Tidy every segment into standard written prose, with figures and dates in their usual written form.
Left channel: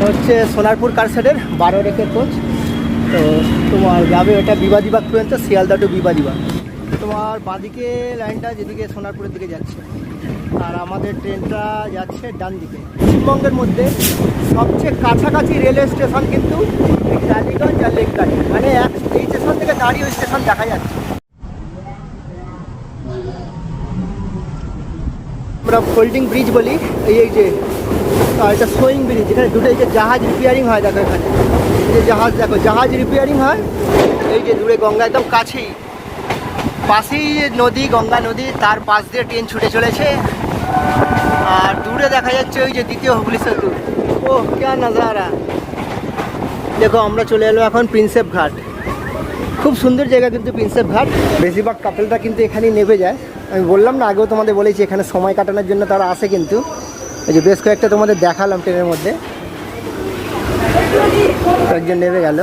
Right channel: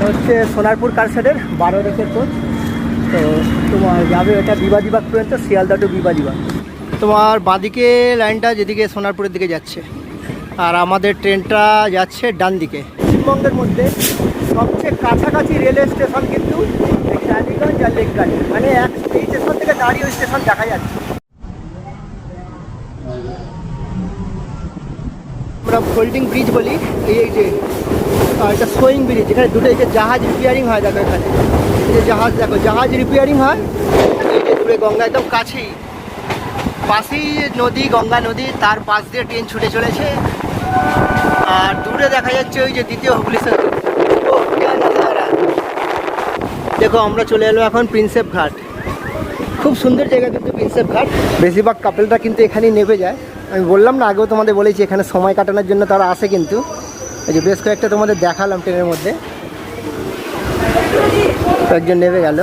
এটা হচ্ছে সোনারপুর কারশেডের 12 রেকের কোচ। তো তোমার যাবে এটা বিবাদীবাগ পর্যন্ত, শিয়ালদা টু বিবাদীবাগ। তোমার বাঁদিকে লাইনটা যেদিকে সোনারপুরের দিকে যাচ্ছে, আর আমাদের ট্রেনটা যাচ্ছে ডান দিকে। পশ্চিমবঙ্গের মধ্যে সবচেয়ে কাছাকাছি রেলওয়ে স্টেশন কিন্তু টালিগঞ্জ আর লেক গার্ডেন, মানে এই স্টেশন থেকে দাঁড়িয়ে ওই স্টেশন দেখা যাচ্ছে। আমরা ফোল্ডিং ব্রিজ বলি এই যে, আর এটা সোয়িং ব্রিজ, এখানে দুটো এই যে জাহাজ রিপেয়ারিং হয়, দেখো এখানে এই যে জাহাজ, দেখো জাহাজ রিপেয়ারিং হয়। এই যে দূরে গঙ্গা একদম কাছেই, পাশেই নদী, গঙ্গা নদী, তার পাশ দিয়ে ট্রেন ছুটে চলেছে। আর দূরে দেখা যাচ্ছে ওই যে দ্বিতীয় হুগলি সেতু। ও क्या नज़ारा। দেখো আমরা চলে এলো এখন প্রিন্সেপ ঘাট। খুব সুন্দর জায়গা কিন্তু প্রিন্সেপ ঘাট। বেশিরভাগ কাপেলরা কিন্তু এখানেই নেমে যায়। আমি বললাম না, আগেও তোমাদের বলেছি এখানে সময় কাটানোর জন্য তারা আসে। কিন্তু এই যে বেশ কয়েকটা তোমাদের দেখালাম ট্রেনের মধ্যে, একজন নেমে গেল।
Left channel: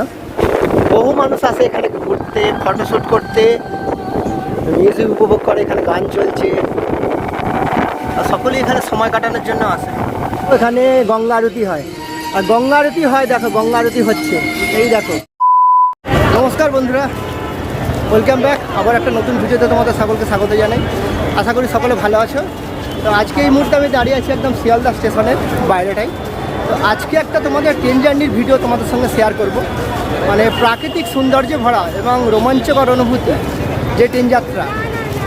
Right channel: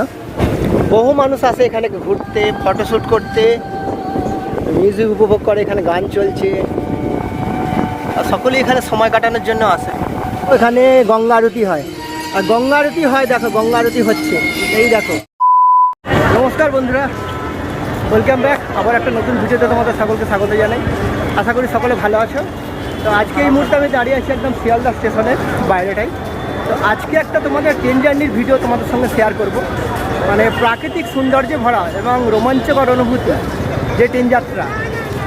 বহু মানুষ আসে এখানে ঘুরতে, ফটোশ্যুট করতে, মিউজিক উপভোগ করে, এখানে গান চলছে, আর সকলেই এখানে সময় কাটানোর জন্য আসে। এখানে গঙ্গা আরতি হয়, আর গঙ্গা আরতি হয়, দেখো গঙ্গা আরতি হচ্ছে, এই দেখো। নমস্কার বন্ধুরা, ওয়েলকাম ব্যাক। আবার একটা নতুন ভিডিওতে তোমাদের সকলকে স্বাগত জানাই। আশা করি সকলে ভালো আছো। তো আজকে এই মুহূর্তে আমি দাঁড়িয়ে আছি একদম শিয়ালদা স্টেশনের বাইরেটাই। তো আজকে একটা তোমাদের ট্রেন জার্নির ভিডিও তোমাদের সঙ্গে শেয়ার করব। মানে প্রাকৃতিক সৌন্দর্যে ভরা এবং রোমাঞ্চকর অনুভূতি যে ট্রেন যাত্রা,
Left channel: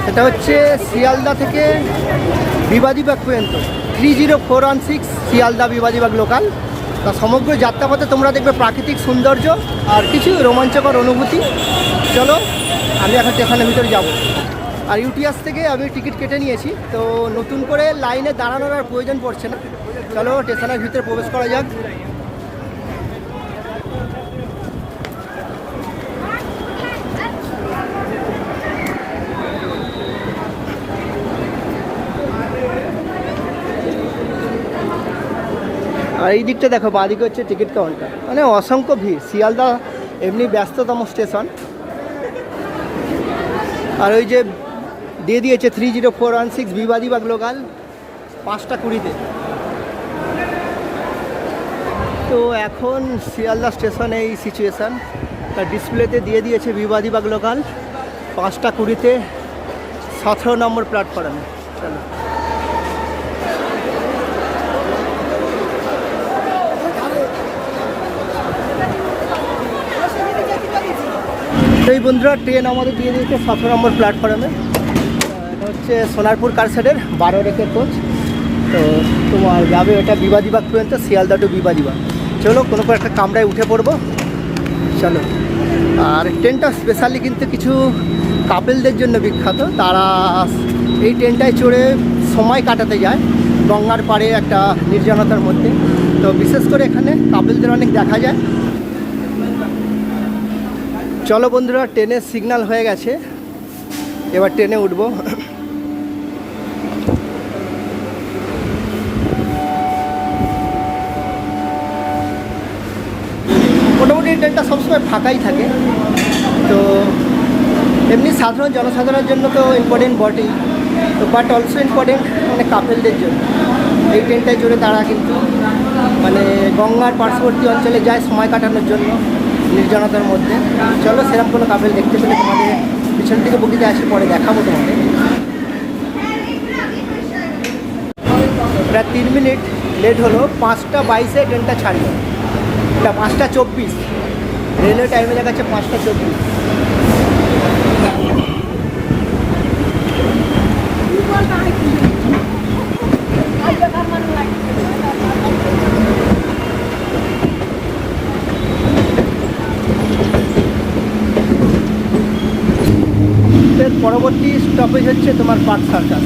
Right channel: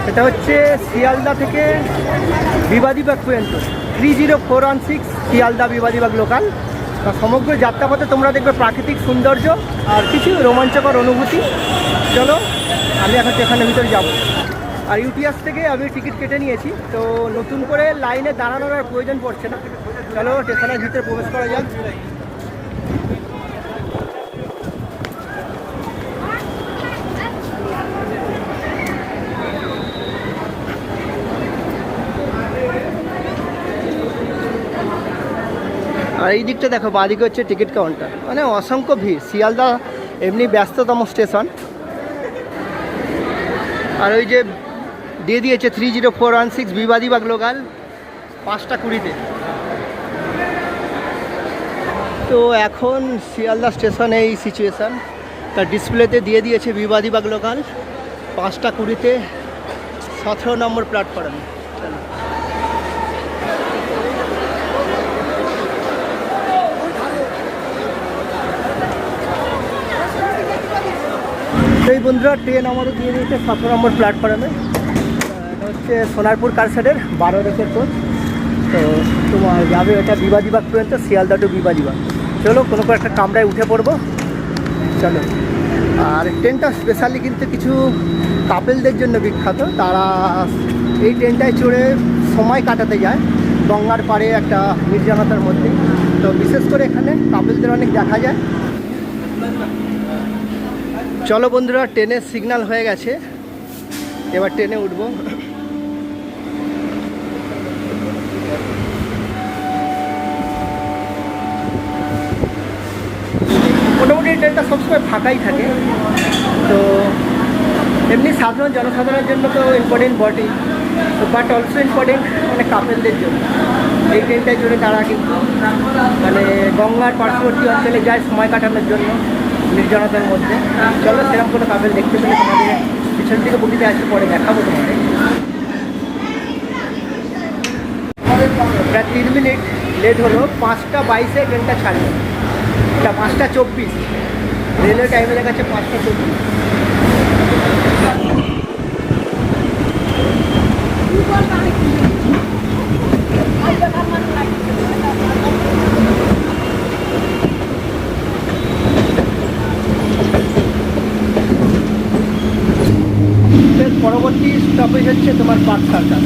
সেটা হচ্ছে শিয়ালদা থেকে বিবাদীবাগ পর্যন্ত 30416 শিয়ালদা বিবাদীবাগ লোকাল। তা সমগ্র যাত্রাপথে তোমরা দেখবে প্রাকৃতিক সৌন্দর্য আর কিছু রোমাঞ্চকর অনুভূতি। চলো আমি এখন স্টেশনের ভিতরে যাব। আর ইউটিএস থেকে আমি টিকিট কেটে নিয়েছি, তো নতুন করে লাইনে দাঁড়ানোর আর প্রয়োজন পড়ছে না। চলো স্টেশনের ভিতরে প্রবেশ করা যাক। আর এই দিকটা দেখো, বাঁদিকে হচ্ছে টিকিট কাউন্টার। মানে অসংখ্য ভিড়। শিয়ালদা এমনি ব্যস্ততম স্টেশন। আর ওই যে দিয়ে দিয়েছে 30416 বিবাদীবাগ লোকাল 5টা 20-তে। তো এখন শিয়ালদা স্টেশনে এই সিচুয়েশান। তার ডিসপ্লেতে দিয়ে দিয়েছে বিবাদীবাগ লোকাল 5টা 20-তে 17 নম্বর প্ল্যাটফর্মে। চলো এই বন্ধুরা, ট্রেন আমাদের দিয়ে দিয়েছে 17 নম্বর প্ল্যাটফর্মে। এটা হচ্ছে সোনারপুর কারশেডের 12 রেকের কোচ। তো তোমার যাবে এটা বিবাদীবাগ পর্যন্ত, শিয়ালদা টু বিবাদীবাগ। চলো কোনো একটা কামরায় উঠে পড়বো, চলো। আর ট্রেনটা স্পেশালি কিন্তু কিছু কাপেলদের জন্য বিখ্যাত। তারা এই ট্রেনটায় চড়ে সময় কাটাতে যায় গঙ্গার পাড়ে একটা নির্জনতার মধ্যে। তো বিশেষ করে এখানে কাপেলদের অনেক দেখা যায়। চলো বন্ধুরা, ট্রেনের সিগন্যাল হয়ে গেছে, এবার ট্রেনে উঠবো। মোটামুটি ট্রেনটা সবসময় ফাঁকাই থাকে। তো এমনি সাধারণ জনসাধারণের জন্য তো ইম্পর্টেন্ট বটেই, তো বাট অলসো ইম্পর্টেন্ট মানে কাপেলদের জন্য। এই ট্রেনটায় চড়ে তারা কিন্তু মানে গঙ্গার পার্শ্ববর্তী অঞ্চলে যায় সময় কাটানোর জন্য নির্জনতার মধ্যে। চলো সেরকম কোনো কাপেল দেখতে পেলে তোমাদের পিছন দিকে বগিতে আসে পরে দেখাবো তোমাদের। প্রায় 3 মিনিট লেট হলো। 5টা 22-এ ট্রেনটা ছাড়লো। এটা 5টা 24, রেলের টাইমে দেখাচ্ছে 5টা 24। পরবর্তী স্টপেজ হচ্ছে তোমার পার্ক সার্কাস।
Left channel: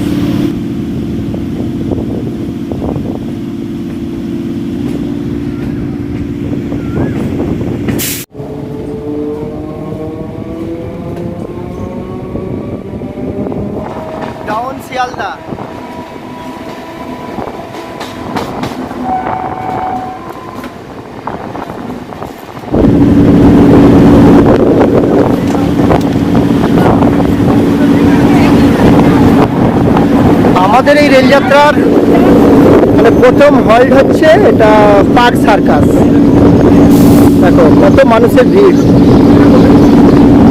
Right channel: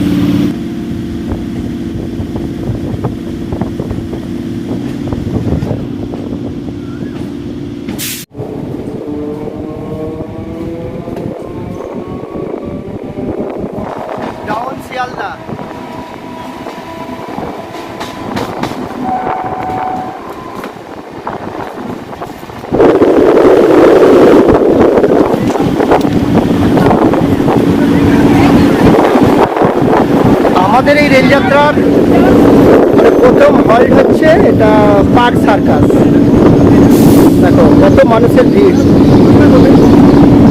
ডাউন শিয়ালদা। আমাদের এই রেলযাত্রার মানে প্রথম হল্ট হচ্ছে এটা পার্ক সার্কাস। দেখো কত মানুষের ভিড়।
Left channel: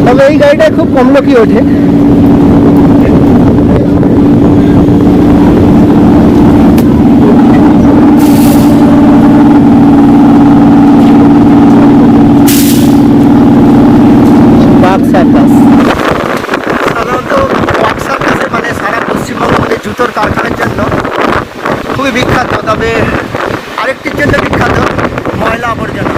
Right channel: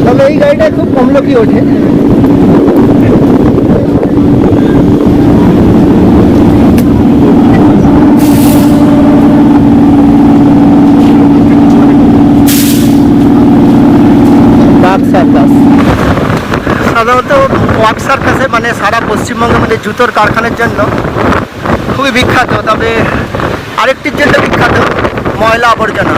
তবে এই গাড়িটায় খুব কম লোকই ওঠে। সাধারণত ওয়াক সার্কাসে মানে সারা পশ্চিমবঙ্গের মধ্যে জুতোর কারখানার জন্য খুবই বিখ্যাত। তবে আরেকটির জন্য বিখ্যাত ময়লা আবর্জনা।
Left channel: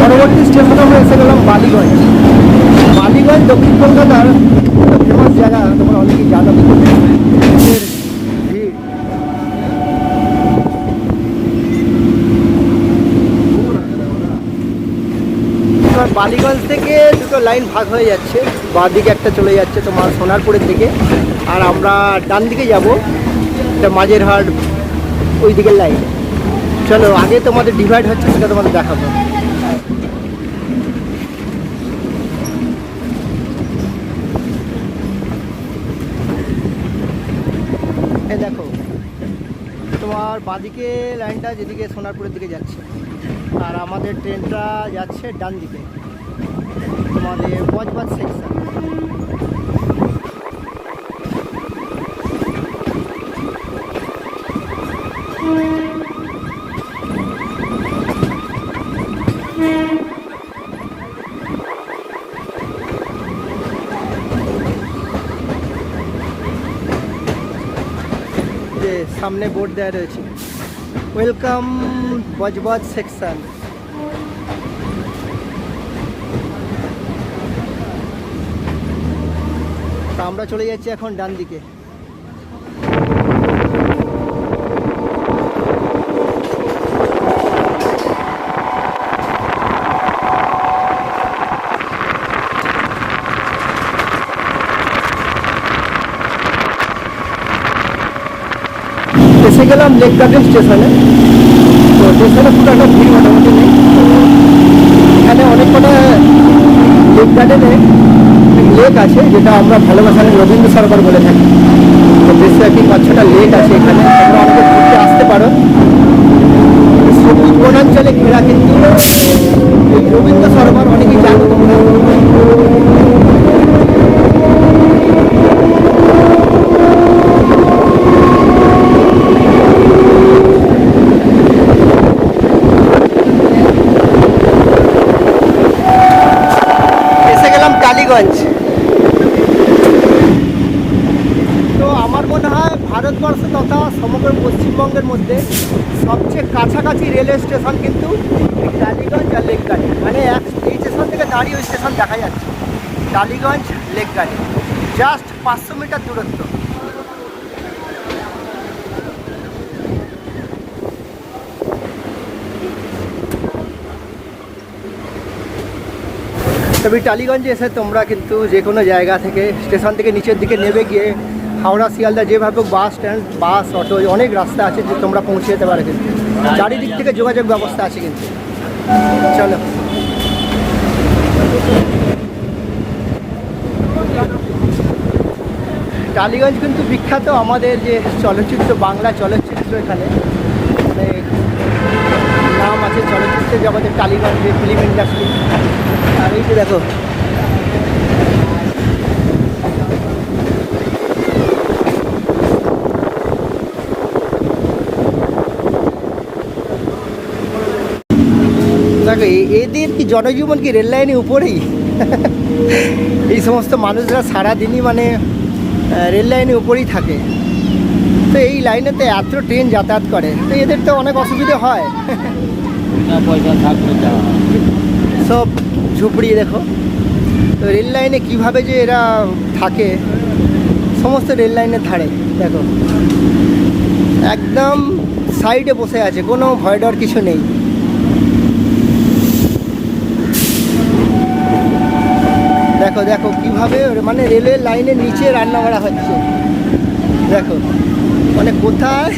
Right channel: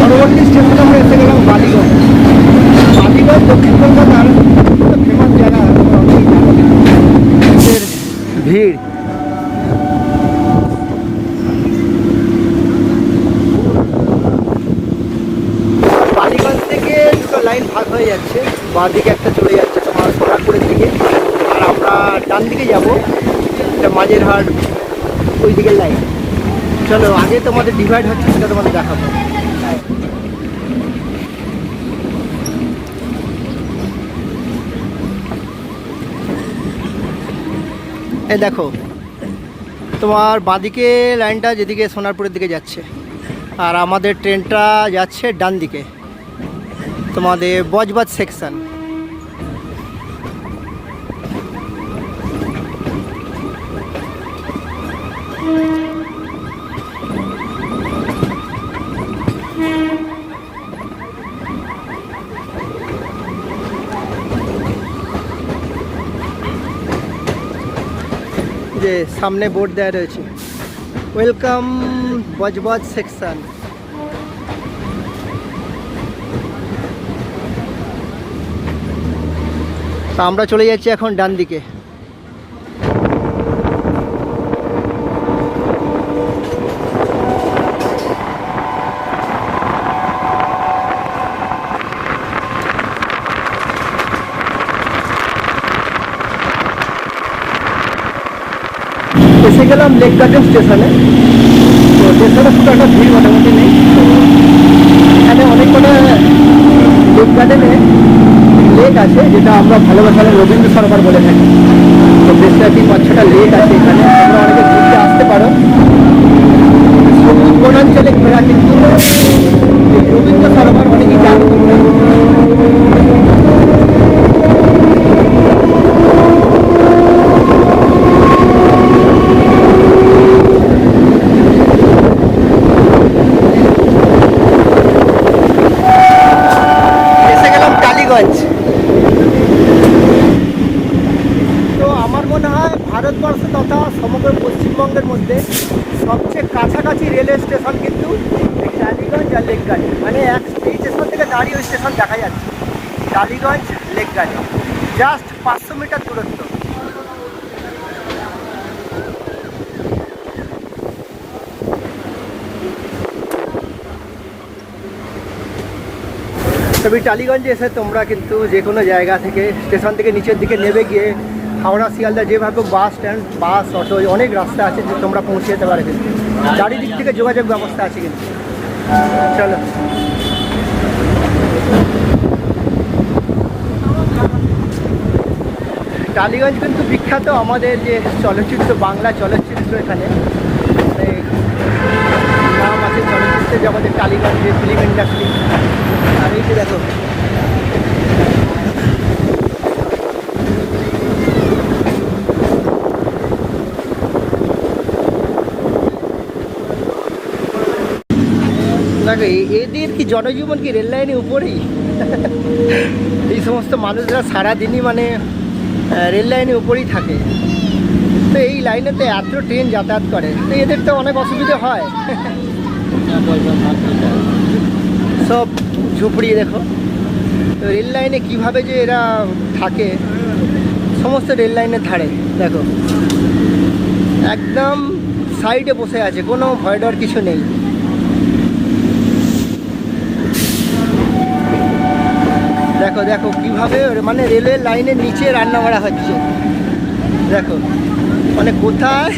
পরবর্তী স্টেশনে আমরা এসে গেলাম বালিগঞ্জ। বালিগঞ্জ দক্ষিণ কলকাতার ফেমাস জায়গা, তোমরা অনেকেই জানো। মানুষের ভিড়। এবার বালিগঞ্জ থেকে দুটো লাইন ভাগ হয়ে যাচ্ছে। বাঁ দিকে একটা চলে যাচ্ছে তোমার সোনারপুরের দিকে, আর আমরা ডান দিকে যাবো এটা মাঝের হাট ওই দিকের লাইন। চলো আগে তোমাদের ডিভাইড হচ্ছে সেটা তোমাদের দেখাবো। এই দেখো তোমার বাঁদিকে লাইনটা যেদিকে সোনারপুরের দিকে যাচ্ছে, আর আমাদের ট্রেনটা যাচ্ছে ডান দিকে তোমাদের বজবজ সেকশন। যে সামনে বোর্ড দেওয়া রয়েছে ওয়েলকাম বজবজ সেকশন। তা আমরা চলে যাচ্ছি এখন ডান দিকে। এসে গেলাম লেক গার্ডেন স্টেশনে। তো স্টেশনে খুব একটা ভিড় মোটামুটি নেই। তো এখানে অনেক কটা লেক গার্ডেনে লেক আছে, যেটা আমরা ভালোবাসালে রবীন্দ্র সরোবর বলে থাকি। তো বেশ কয়েকটি 5-6টা লেক আছে এখানে, তোমরা অনেকে ঘুরতে আসতে পারো। সবুজ বনাঞ্চলে ঘেরা কিন্তু এই রবীন্দ্র সরোবর, অনেকেই জানো তোমরা। টালিগঞ্জ। তো আমার মনে হয় ভারতবর্ষ তথা সমগ্র পশ্চিমবঙ্গের মধ্যে সবচেয়ে কাছাকাছি রেলওয়ে স্টেশন কিন্তু টালিগঞ্জ আর লেক গার্ডেন। মানে এই স্টেশন থেকে দাঁড়িয়ে ওই স্টেশন দেখা যাচ্ছে, Tollygunge Lake Garden, just 500 metre দূরত্ব। তবে টালিগঞ্জে এসে তোমরা কিন্তু যে কোনো জায়গা থেকে স্টেশন থেকে নিচের দিকে নেমে গিয়ে হাওড়া শিয়ালদা যেভাবে বাস স্ট্যান্ড, বাস, অটো, অনেক রাস্তা আছে যে তোমরা পৌঁছে যেতে পারো। কিন্তু চারিদিক থেকে যোগাযোগ ব্যবস্থা আছে কিন্তু। চলো টালিগঞ্জ কিন্তু বিখ্যাত আমাদের যে চলচ্চিত্র, বাংলা চলচ্চিত্র, এখানে মানে নাম আছে চলচ্চিত্র জগতের টালিগঞ্জে ফিল্ম ইন্ডাস্ট্রি। আর এই যে দেখো দেখো এদের কি জনজীবন কি রেল লাইনের উপরেই। এই সমস্ত মানুষরা সারাদিনই মানে রেল লাইনের উপরেই থাকে। তো এই লাইনেতে এত ট্রেন যাতায়াত করে, তো এদের তো অনেক অসুবিধা হয়। সব ঝুপড়ি দেখো। তো রেল লাইনে কীভাবে যে এরা থাকে, সমস্ত রেল লাইনের ধারে দেখো একদম সাইডে বসে আছে, কোনো ভয় ডর কিছু নেই। দেখো দেখো কিভাবে মানে রেলের লাইনের নিচে রান্না করা হচ্ছে, দেখো মানে কোথায়,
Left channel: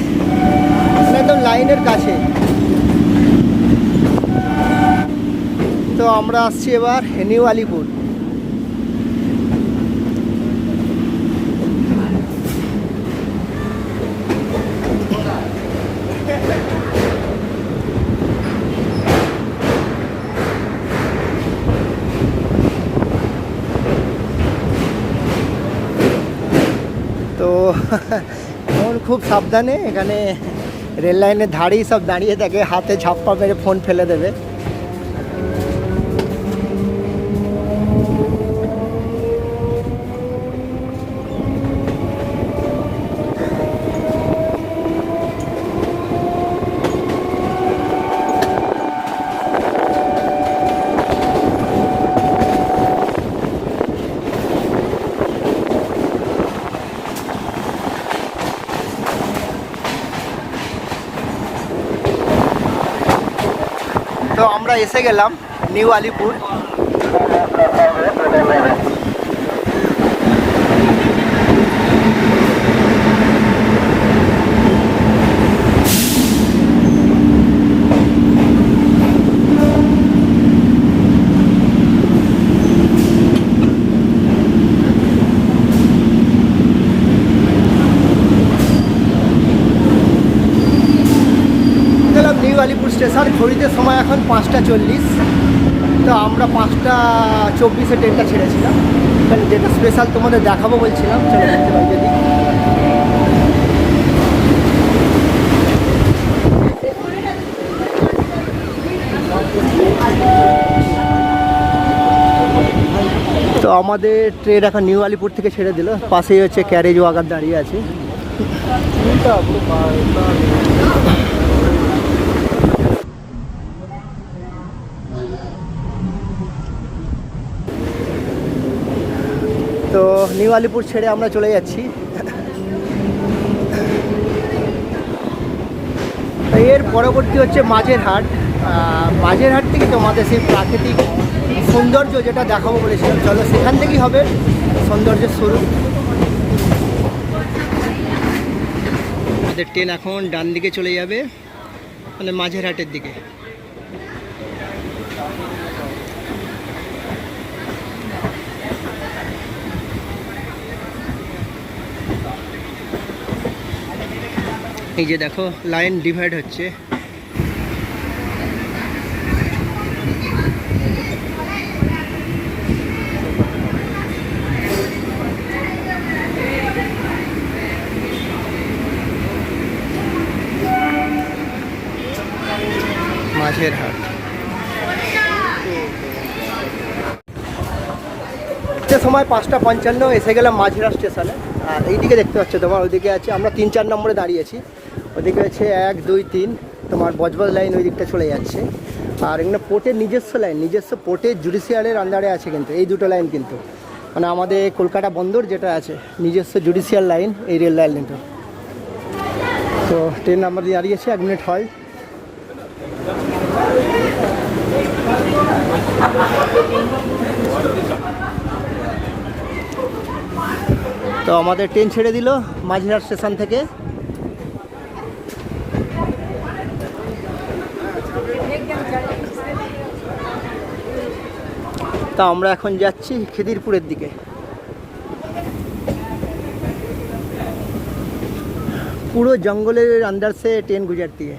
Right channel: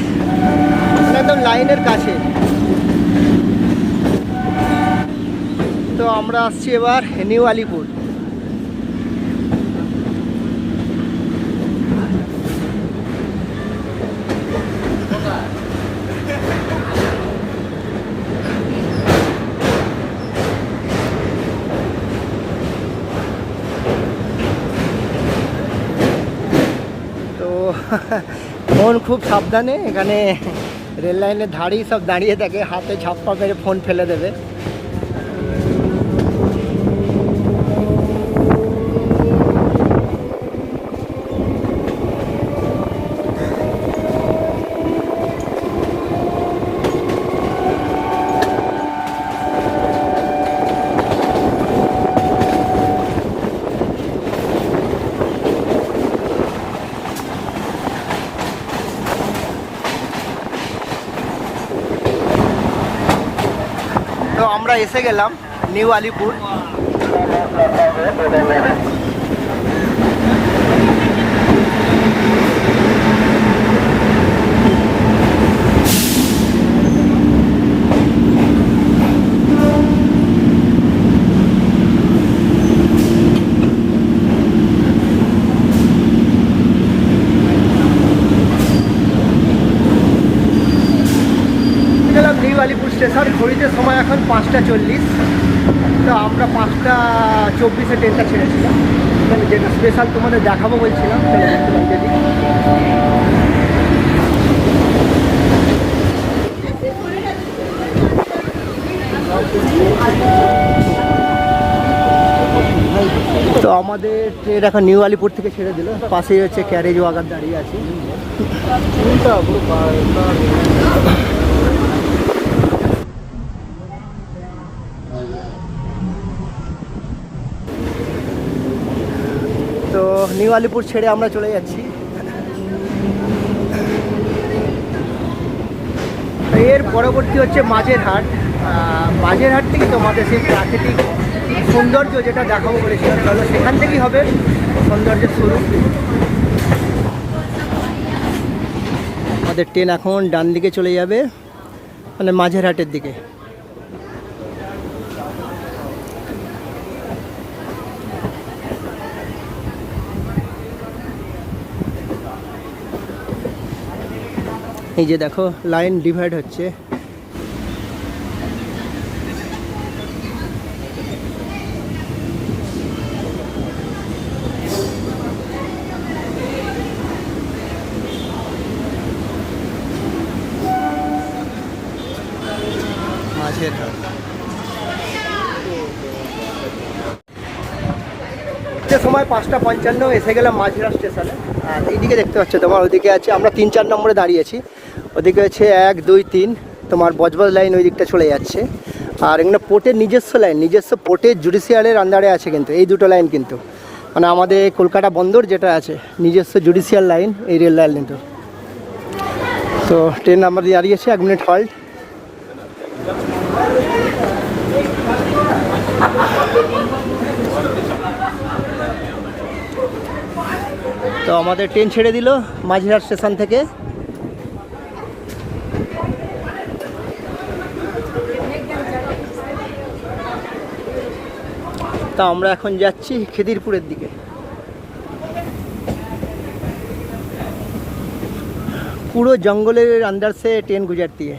মানে একদম লাইনের কাছে। তো আমরা আসছি এবার নিউ আলিপুর। তো ফোন খুব সাবধানে, এখানে রেল লাইনের ধারেই সব দাঁড়িয়ে থাকে, হাতে ঝাপ্পা মেরে ফোন ফেলে দেবে। তো আমরা এসে গেলাম নিউ আলিপুর। গেলাম নিউ আলিপুর স্টেশন। ঘড়িতে সময় এখন 5টা 40। তো আমরা 5টা 24-এ ট্রেনটা ছেড়েছিলাম, মানে যেটা স্পেশাল তোমাদের দেখাবো বলছিলাম, চলো দেখতে পাই যদি। তো আমাদের ট্রেন এখন নিউ আলিপুর থেকে ছেড়ে দিল, পাশেই হচ্ছে ক্যারেজ ওয়াগার দাঁড়িয়ে আছে। তো নিউ আলিপুর ছেড়ে আমরা চলে যাচ্ছি। এর পরবর্তী হচ্ছে মাঝেরহাট। মাঝেরহাট থেকে তোমাদের সেই প্রাকৃতিক সৌন্দর্য যেটা দেখাবো বলেছিলাম, চলো সেখান থেকেই হবে সৌন্দর্যের শুরু। আমাদের ট্রেন এখন ডান দিকে চলে যাবে, মানে মাঝেরহাটের দিকে। এই যে দেখো লাইন ডিভাইড হচ্ছে। মাঝেরহাট সময় 5টা 55, এসে গেলাম মাঝেরহাট স্টেশনে। আর এইদিকে দেখতে পাচ্ছ তোমার, ওইদিকে আছে, আমরা 3-4 নম্বরে দাঁড়িয়েছি। ওদিকে হচ্ছে 1, 2, 3 তোমার বজবজ লাইন ওই দিকটা চলে যাচ্ছে। আর এখানে পোর্টের নিজস্ব লাইন, নিজস্ব পোর্টের জুডিশিয়ালের আন্ডারে আছে কিন্তু এই দুটো লাইন, কিন্তু মানে আমাদের কলকাতা বন্দর যেটা আছে নিজস্ব জুডিশিয়াল লাইন, এই রেল লাইন কিন্তু। তো ট্রেন আমরা দাঁড়িয়েছে, 1 মিনিট হল্ট। তো আমাদের ট্রেন ছেড়ে দিল মাঝেরহাট স্টেশন থেকে। তা আমরা এখন যাচ্ছি খিদিরপুরের দিকে। পুরো জঙ্গলের अंदर से ट्रेन गुजरती है।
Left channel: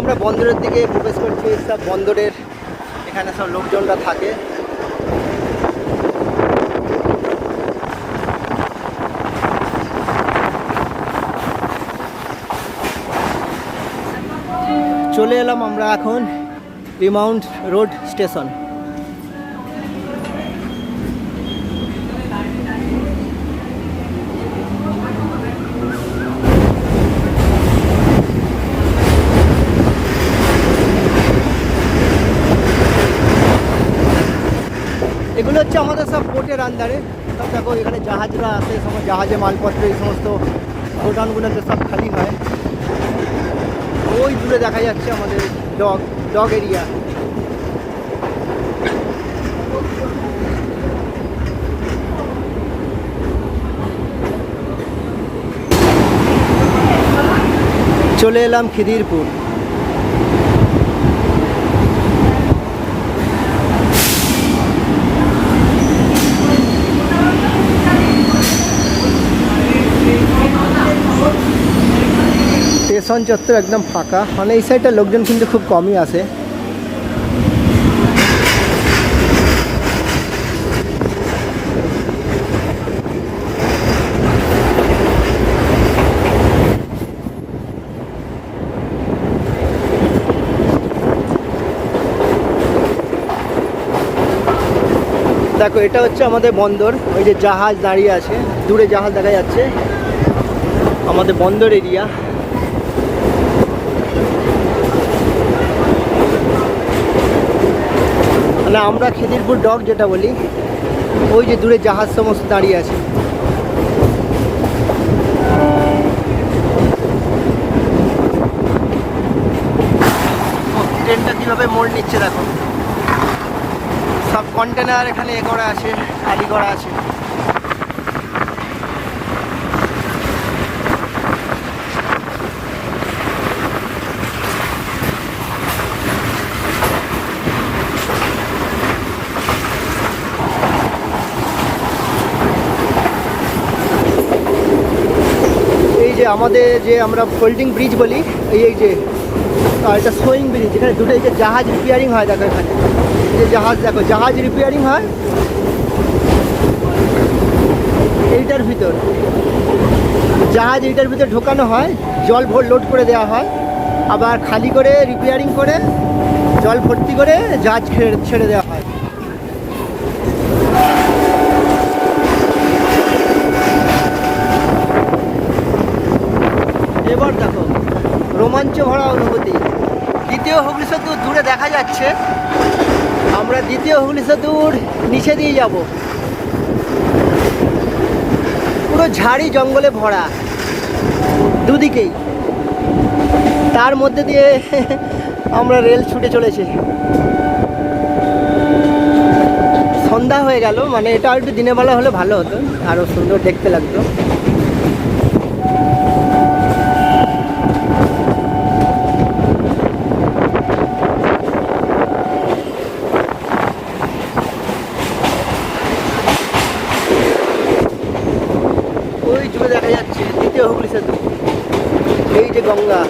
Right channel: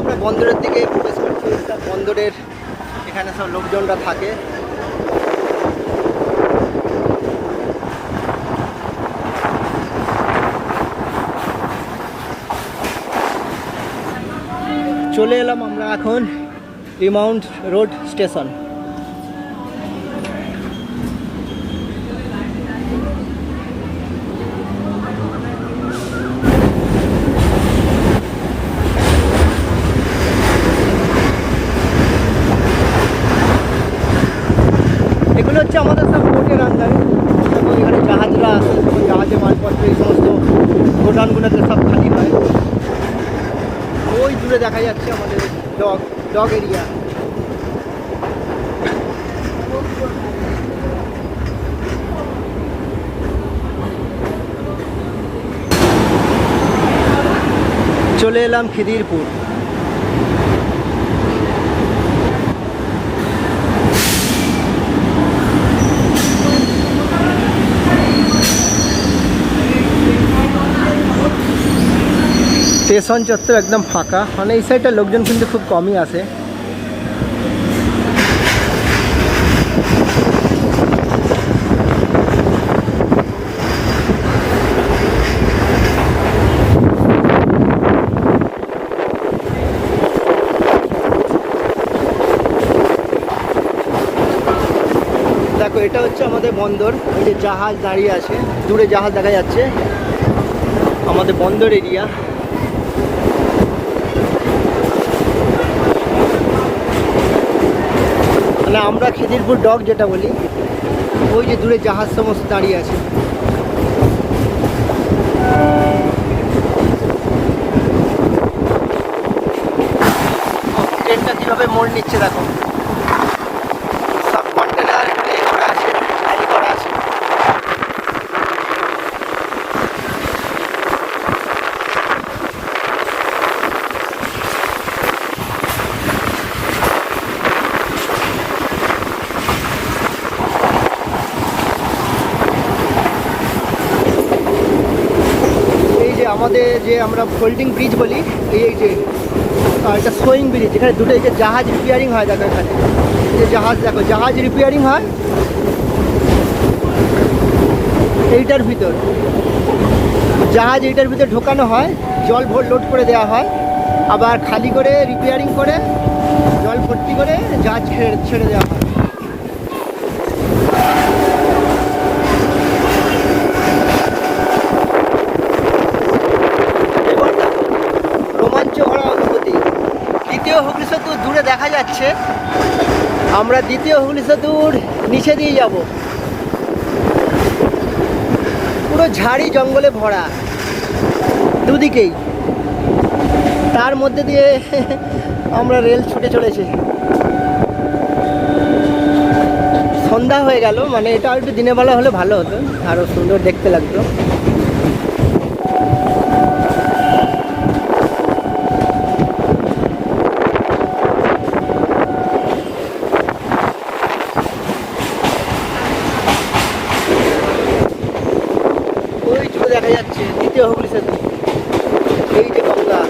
আমরা বন্দরের দিকে প্রবেশ করছি। সব বন্দরের এখানে সব লোকজনরা থাকে। চলে এলাম আমরা এখন রিমাউন্ট রোড স্টেশন। হচ্ছে আমাদের সব পোর্টের আন্ডারে। দেখো এখানে জাহাজরা আসে, তখন জাহাজে মালপত্র এই সমস্ত গোডাউনগুলোতে সব খালি হয়। ওই দূরে দেখা যাচ্ছে আমাদের ডগ এরিয়া। চলে এলাম খিদিরপুর। স্টেশন চত্বর একদম ফাঁকা, মানে এই সাইডটা লোকজন কিন্তু খুব কমই আসে। দেখো এটা হচ্ছে আমাদের বন্দর, ওই যে জাহাজ দাঁড়িয়ে আছে, দূরে জাহাজ দেখা যাচ্ছে, আমাদের বন্দর এরিয়া। মানে আমরা খিদিরপুর ডক যেটা বলি, ওই যে দূরে জাহাজ সমস্ত দাঁড়িয়ে আছে। ট্রেনটা কীভাবে মোড় নিচ্ছে দেখো, সব কন্টেনার এখানে এ করা আছে, খালি করা আছে। আমাদের যে আমরা ফোল্ডিং ব্রিজ বলি, এই যে এটা সোয়িং ব্রিজ, যেখানে দুটো এই যে জাহাজ রিপেয়ারিং হয়, দেখো এখানে যে জাহাজ, দেখো জাহাজ রিপেয়ারিং হয় এইটার ভিতর, জাহাজ এইটার ভিতর ঢোকানো হয়, জল লোড করে দেওয়া হয়, আবার খালি করে রিপেয়ারিং করে জল ভর্তি করে জাহাজ ছেড়ে দেওয়া হয়। এবার দেখো রোমাঞ্চ ভরা অনুভূতি, দ্বিতীয় হুগলি সেতু দূরে দেখা যাচ্ছে, আমরা দ্বিতীয় হুগলি সেতুর নিচে দিয়ে যাব। পুরো ঝাড়ি জঙ্গলে ভরা দুদিকেই, তার মধ্যে দিয়ে আমরা রেল ছুটে চলেছি। সন্ধ্যা হয়ে গেল, মানে এটা একটু দিনের বেলা হলে ভালো হতো, আরও সুন্দর দেখতে লাগতো। ওই জুড়ে দেখা যাচ্ছে দ্বিতীয় হুগলি সেতু, এই যে গঙ্গা।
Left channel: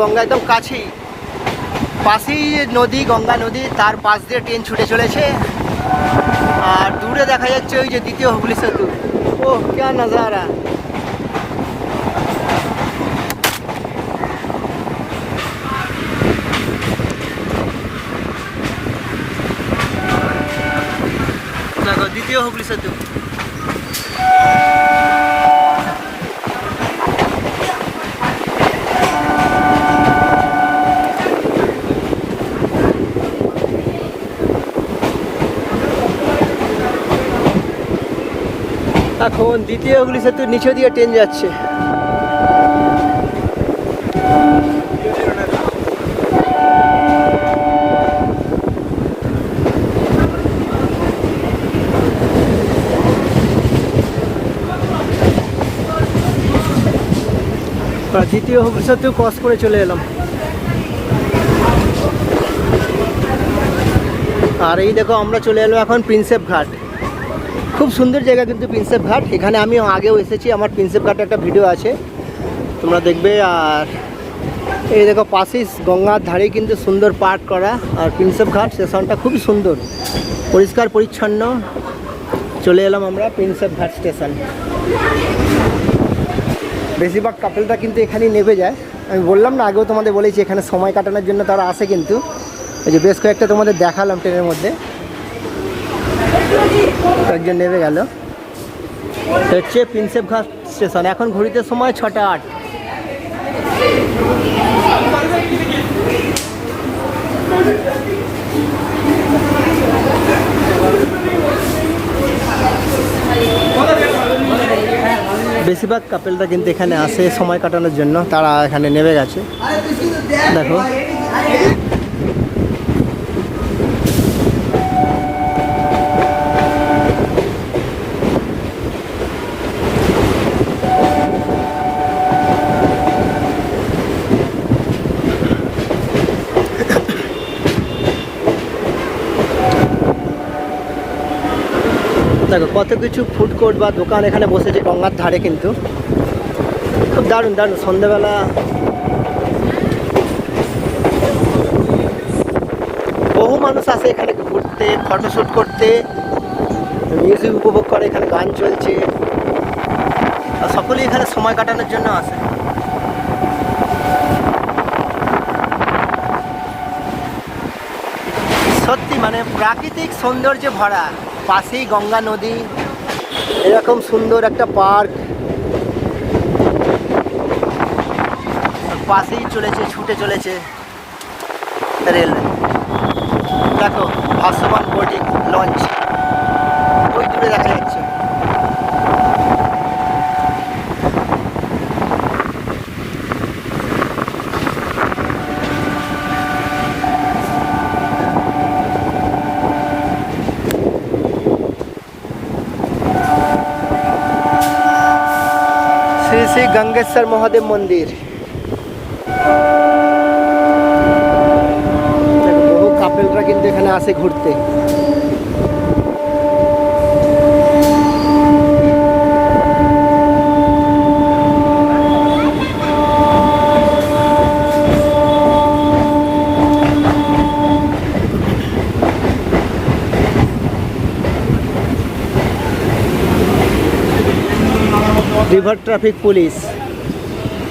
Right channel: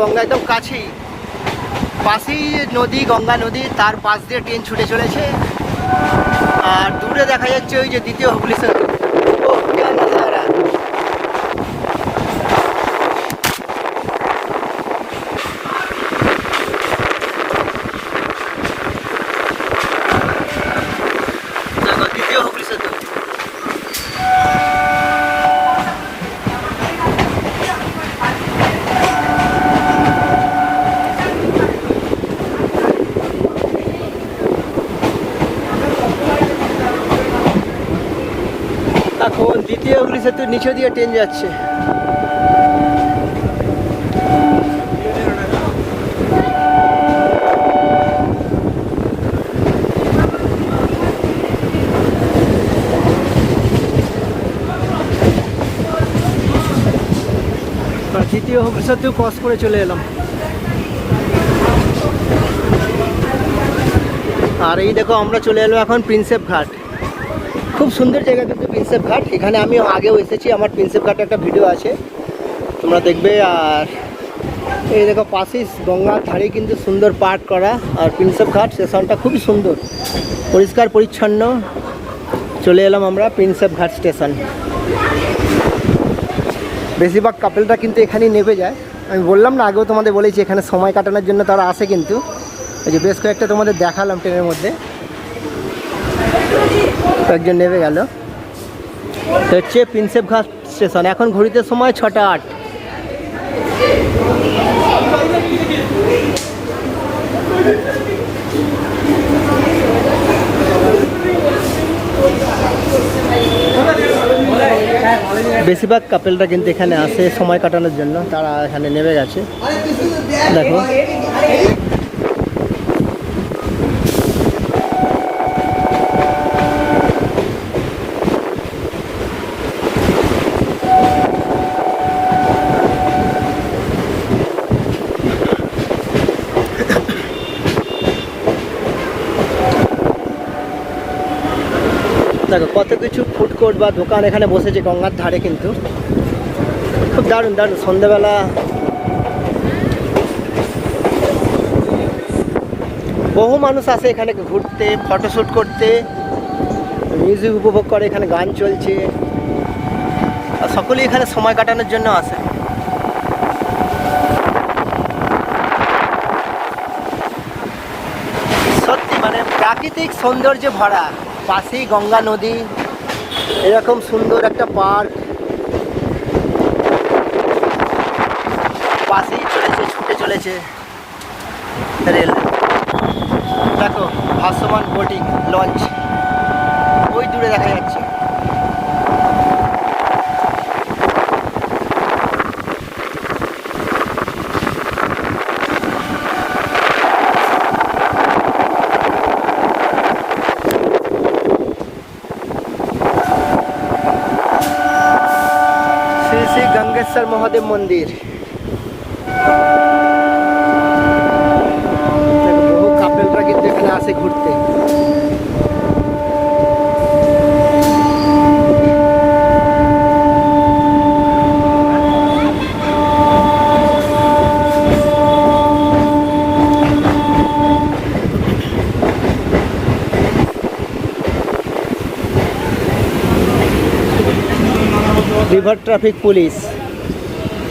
গঙ্গা একদম কাছেই, পাশেই নদী, গঙ্গা নদী, তার পাশ দিয়ে ট্রেন ছুটে চলেছে। আর দূরে দেখা যাচ্ছে ওই যে দ্বিতীয় হুগলি সেতু। ও क्या नजारा, দেখো দ্বিতীয় হুগলি সেতু। এখন দ্বিতীয় হুগলি সেতুর নিচে দিয়ে ট্রেন যাচ্ছে। দ্বিতীয় হুগলি সেতু ক্রস করে চলে এলাম। আর এই দেখো আমরা চলে এলাম এখন প্রিন্সেপ ঘাট। খুব সুন্দর জায়গা কিন্তু প্রিন্সেপ ঘাট, এখানে আমি আগেও এসেছি, আমার প্রিন্সেপ ঘাটে একটা ভিডিও আছে, তোমরা দেখবে। আর এই দেখো পাশেই গঙ্গার ধারে কিন্তু সুন্দর পার্ক করা, আর প্রিন্সেপ ঘাট স্টেশনটা খুবই সুন্দর, পরিষ্কার পরিচ্ছন্ন। চলে এলাম আমরা প্রিন্সেপ ঘাট স্টেশন। বেশিরভাগ কাপেলটা কিন্তু এখানেই নেমে যায়। আমি বললাম না, আগেও তোমাদের বলেছি এখানে সময় কাটানোর জন্য তারা আসে, কিন্তু এই যে বেশ কয়েকটা তোমাদের দেখালাম ট্রেনের মধ্যে। একজন নেমে গেল। তো হচ্ছে প্রিন্সেপ ঘাট স্টেশন। এখন ঘড়িতে সময় 6টা 8। বেশিরভাগ কাপেলরা কিন্তু এখানে আসে সময় কাটানোর জন্য, তারা এখানে নেমে গেছে। দেখো দেখো কত কিছু ফুড কোর্ট বা দোকান এখানে বসেছে গঙ্গার ধারে, কিন্তু খুব দারুণ দারুণ। সন্ধ্যাবেলা বহু মানুষ আসে এখানে ঘুরতে, ফটোশ্যুট করতে, মিউজিক উপভোগ করে, এখানে গান চলছে, আর সকলেই এখানে সময় কাটানোর জন্য আসে। সত্যি মানে প্রাকৃতিক সৌন্দর্যে ভরা, পাশেই গঙ্গা নদী, এরকম সুন্দর একটা পার্ক, পাশেই চলেছে, ছুটে চলেছে রেল। দেখো ভাসমান বোটিং লঞ্চ ওই দূরে দেখা যাচ্ছে। শ্রী শ্রী গঙ্গেশ্বর মহাদেব মন্দির। দেখো বহু কাপেলরা কিন্তু এখানে আসে ঘুরতে। রিভার ট্রাফিক পুলিশ,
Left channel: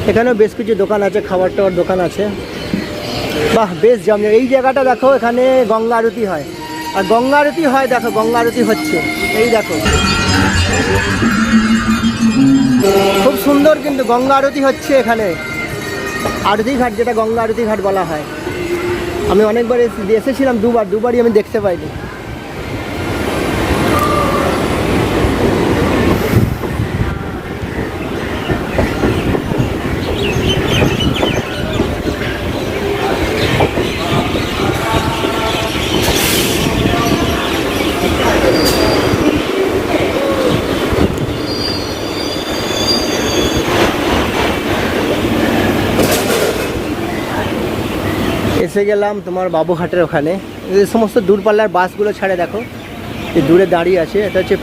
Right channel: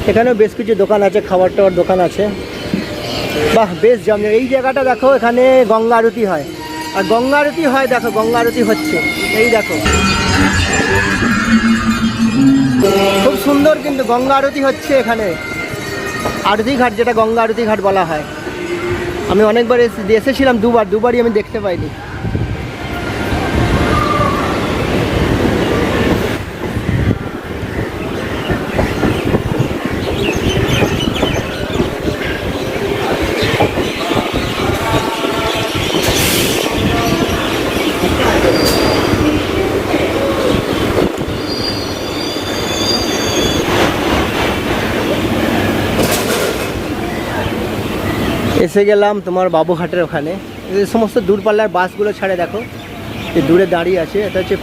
এখানেও বেশ কিছু দোকান আছে, খাবার টাবার দোকান আছে। বাহ বেশ জমে। এই জায়গাটা দেখো, এখানে গঙ্গা আরতি হয়, আর গঙ্গা আরতি হয়, দেখো গঙ্গা আরতি হচ্ছে, এই দেখো খুব সুন্দর কিন্তু গঙ্গা আরতি হচ্ছে এখানে। আরতি ঘাট, যেটা গঙ্গা আরতি ঘাট বলা হয়। আমি অনেকবার এসেছিলাম, দুবারই আমি দেখতে পাইনি। এসে গেলাম তোমার বাবুঘাটের ওখানে। এই সমস্ত দূরপাল্লার বাসগুলো ছাড়ে, দেখো এই দূরে দাঁড়িয়ে আছে, এটা হচ্ছে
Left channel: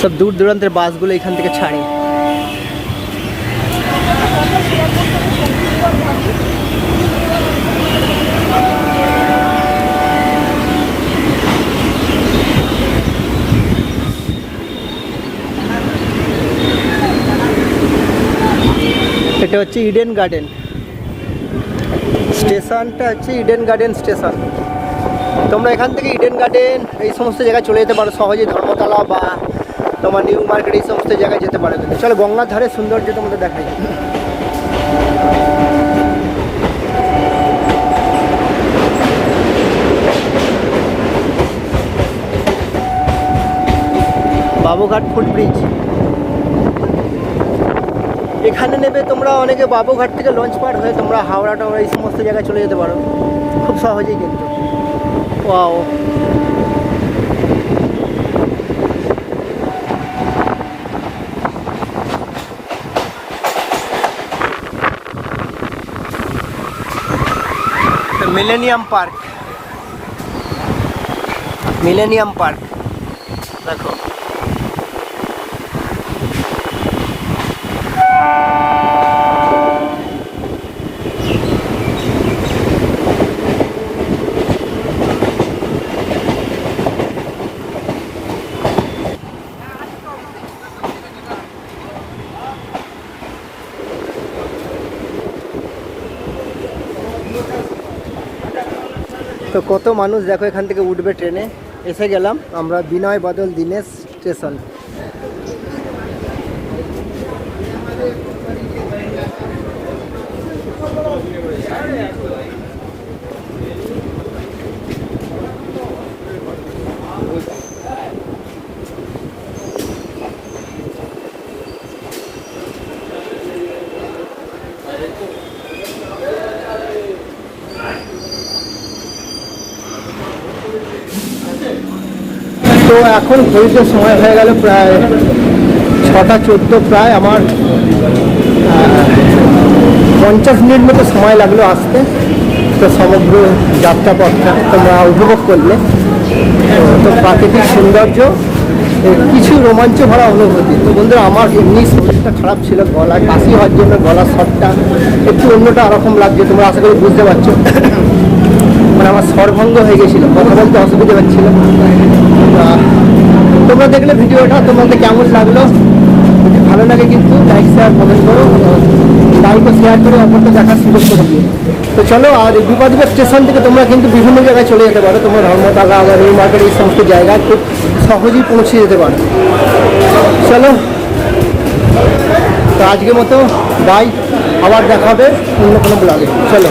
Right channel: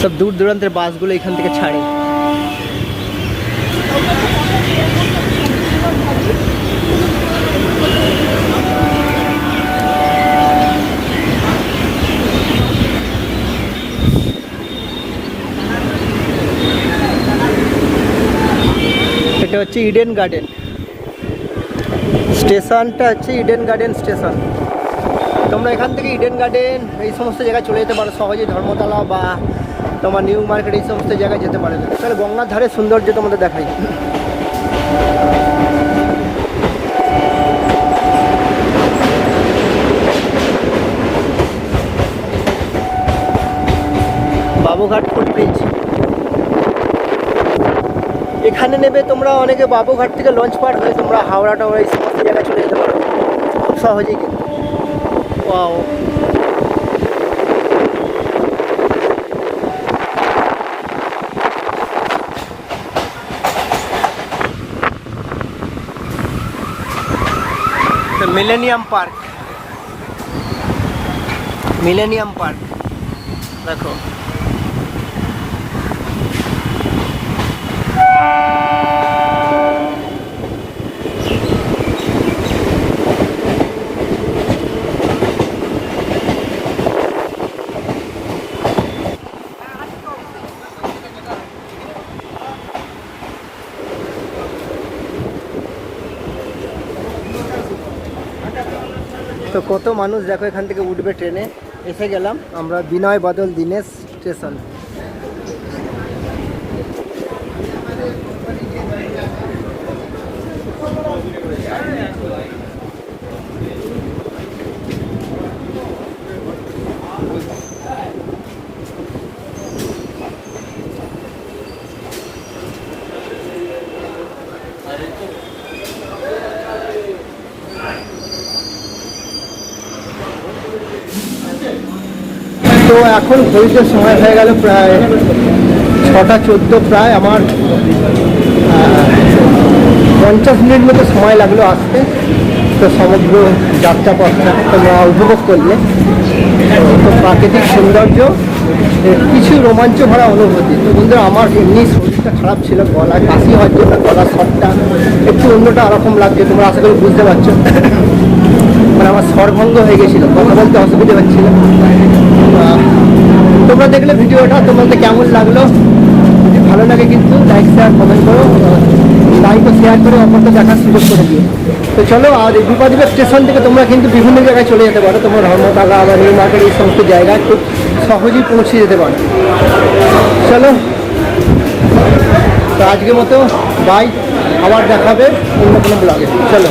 সব দূর দূরান্তের বাসগুলো এখান থেকে ছাড়ে। এটা হচ্ছে ইডেন গার্ডেন স্টেশনটা, হচ্ছে ইডেন গার্ডেন স্টেশন। তোমরা এখান থেকে ইডেন গার্ডেন এই সমস্ত জায়গায় চলে যেতে পারো সহজে, ধর্মতলা বা তোমার নিউ মার্কেট এই সমস্ত জায়গায় যেতে পারো। চলো গঙ্গার ধারে সৌন্দর্য তোমাদের দেখাই। বাবুঘাট ফুটব্রিজ, এখানে নেবে তোমরা অনেকে বাবুঘাট থেকে লঞ্চ পার হয়ে তোমরা হাওড়া টাওড়া এই সমস্ত জায়গায় চলে যেতে পারো খুব সহজেই কিন্তু। Wow, millennium park, millennium park দেখো। তো কত মানুষ দেখো এখান থেকে উঠবে ট্রেনে। এসে গেলাম আমরা বিনয় বাদল দীনেশ স্টেশন। তো এখন ঘড়িতে সময় হয়ে গেল প্রায় 6টা 14, প্রায় আমার 50 মিনিট মতো সময় লাগলো আসতে। তো সমগ্র যাত্রাপথটা তোমরা উপভোগ করলে। তো প্রাকৃতিক সৌন্দর্য, কিছু রোমাঞ্চ ভরা অনুভূতি। তো বন্ধুরা আমার এমনি শরীরটা খারাপ ছিল, গলা কাশি হওয়ার জন্য গলার স্বরটা একটু অন্যটা রকম লাগছে, তোমরা আশা করি বুঝতে পারছো। মানে আমার স্বরভঙ্গ হয়ে গেছিলো, কথা বলতে অসুবিধা হচ্ছিল। তোমরা দেখলে ভিডিওটা তোমাদের কেমন লাগলো, যদি ভালো লাগে কিন্তু লাইক শেয়ার কমেন্ট করো, লাইক ও শেয়ার করে অপরকে দেখার সুযোগ করে দিও। তো চলো, আর বিপাদীপুর স্টেশন থেকে তোমরা কিন্তু বিভিন্ন জায়গায় চলে যেতে পারো। তোমরা ধর্মতলা বা নিউ মার্কেট এই সমস্ত জায়গায় খুব সহজেই পৌঁছে যেতে পারো। চলো, তো আজকের মতো বাই, আবার দেখা হবে অন্য কোনো ব্লগে। চলো।